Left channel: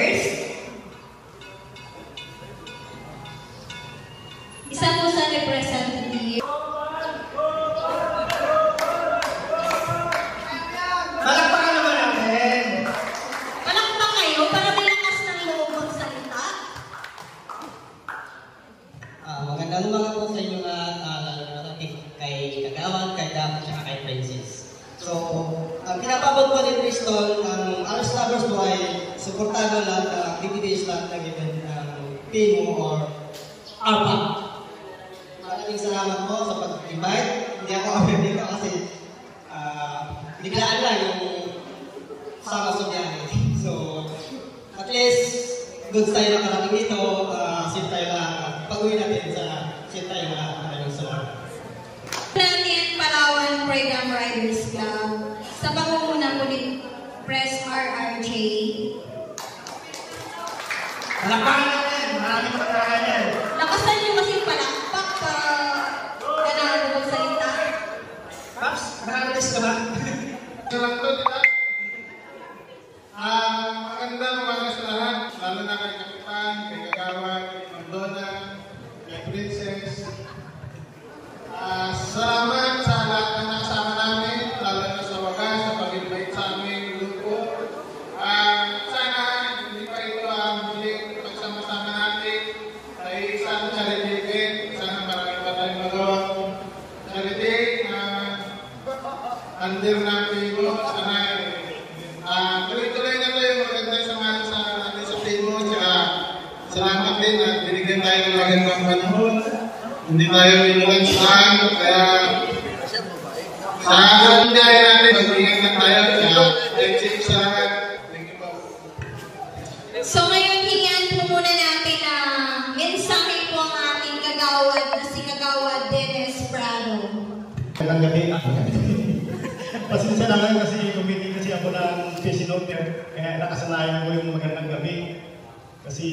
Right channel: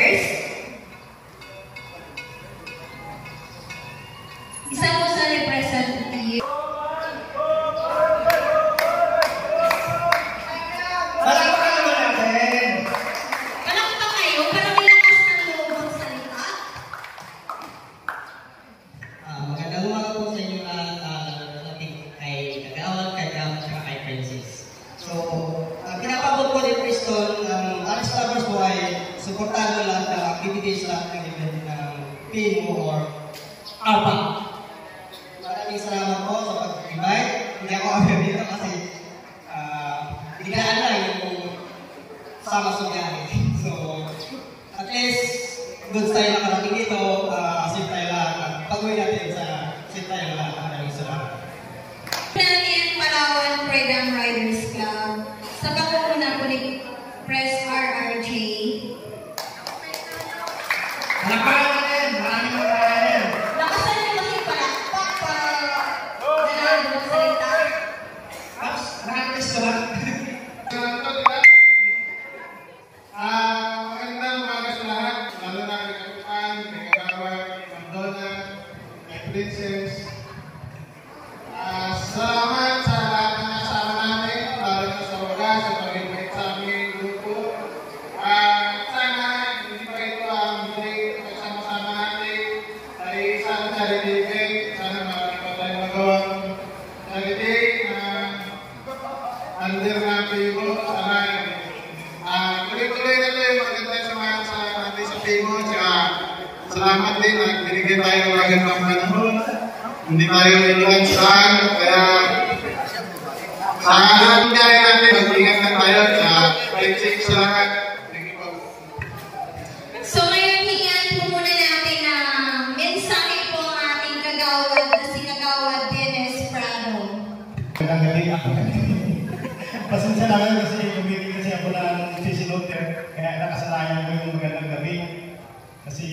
Riders. Isa po sa representative. Palakpakan naman natin. Palakpak kayo para may lakas ng loob magsalita. Magandang umaga po sa inyo lahat, kay Kagawad, kay Dam, at kay Francis. So, ang pinapabot ko ni Bristol ng Alex Lovers po ay suportahan lahat ng activities, lahat ng event ng PIMO or APA. Maraming salamat po sa pag-invite. Hindi ako aware dito kasi biglaan lang yung sama sa biyahe. So, at least, good tayo nakarating dito, safe tayo lahat, at pag-uwi natin sa safe tayo lahat. Maraming salamat. Natin Palawan Freedom Riders Club sa pangunguna po ni Press RRJ. Palakpakan natin. Maraming palakpakan. Lakasan niyo kasi palakpak pa gano'n magsalita. Paps, na-artist ka ba? Magandang umaga sa lahat, lalo na kay Kapitan, kay Kagawad, kay Mandona, kay Princess. Salamat sa lahat ng nasama namin, lalo na sa wagas, sa pag-invite sa aming grupo. Sana hindi pa ito ang muling pagsama-sama natin ay isang charity event. Sana marami pa tayong magawang charity under ng PIMO. Sana tuloy-tuloy na ito yung magandang samahan sa ating sa PIMO. Salamat din at binigyan tayo ng magandang panahon. Hindi tayo inulansan, kaya sa ating biyahe natin, mag-ingat lang tayo. Thank sa lahat. Thank you po. So ngayon, hingian po muna natin ang mensahe po ang ating kagawad na si Kagawad Dennis Prado. Magandang gabi. Pasensya na kayo kasi bumili kasi ako ng face note kaya nakasanayan ko yung magandang gabi. Kasi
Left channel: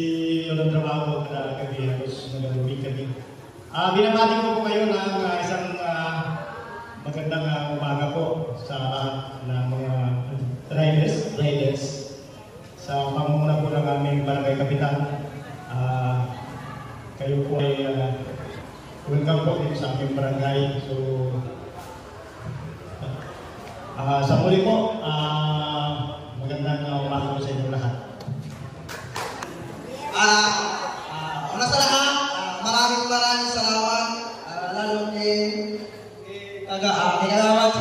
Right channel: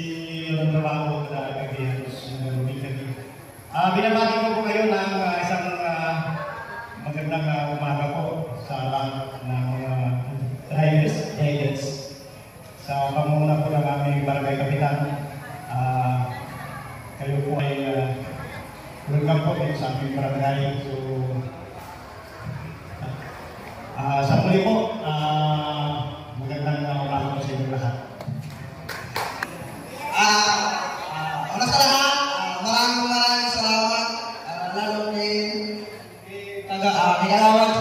yun ang trabaho ko na gabi, halos nagagawin gabi. Binabati ko po kayo ng isang magandang umaga po sa lahat ng mga riders. Sa pangunguna po ng aming barangay kapitan, kayo po ay welcome po din sa aming barangay. So, sa muli po, magandang umaga po sa inyo lahat. Una sa lahat, maraming salamat, lalo kay Kagawad,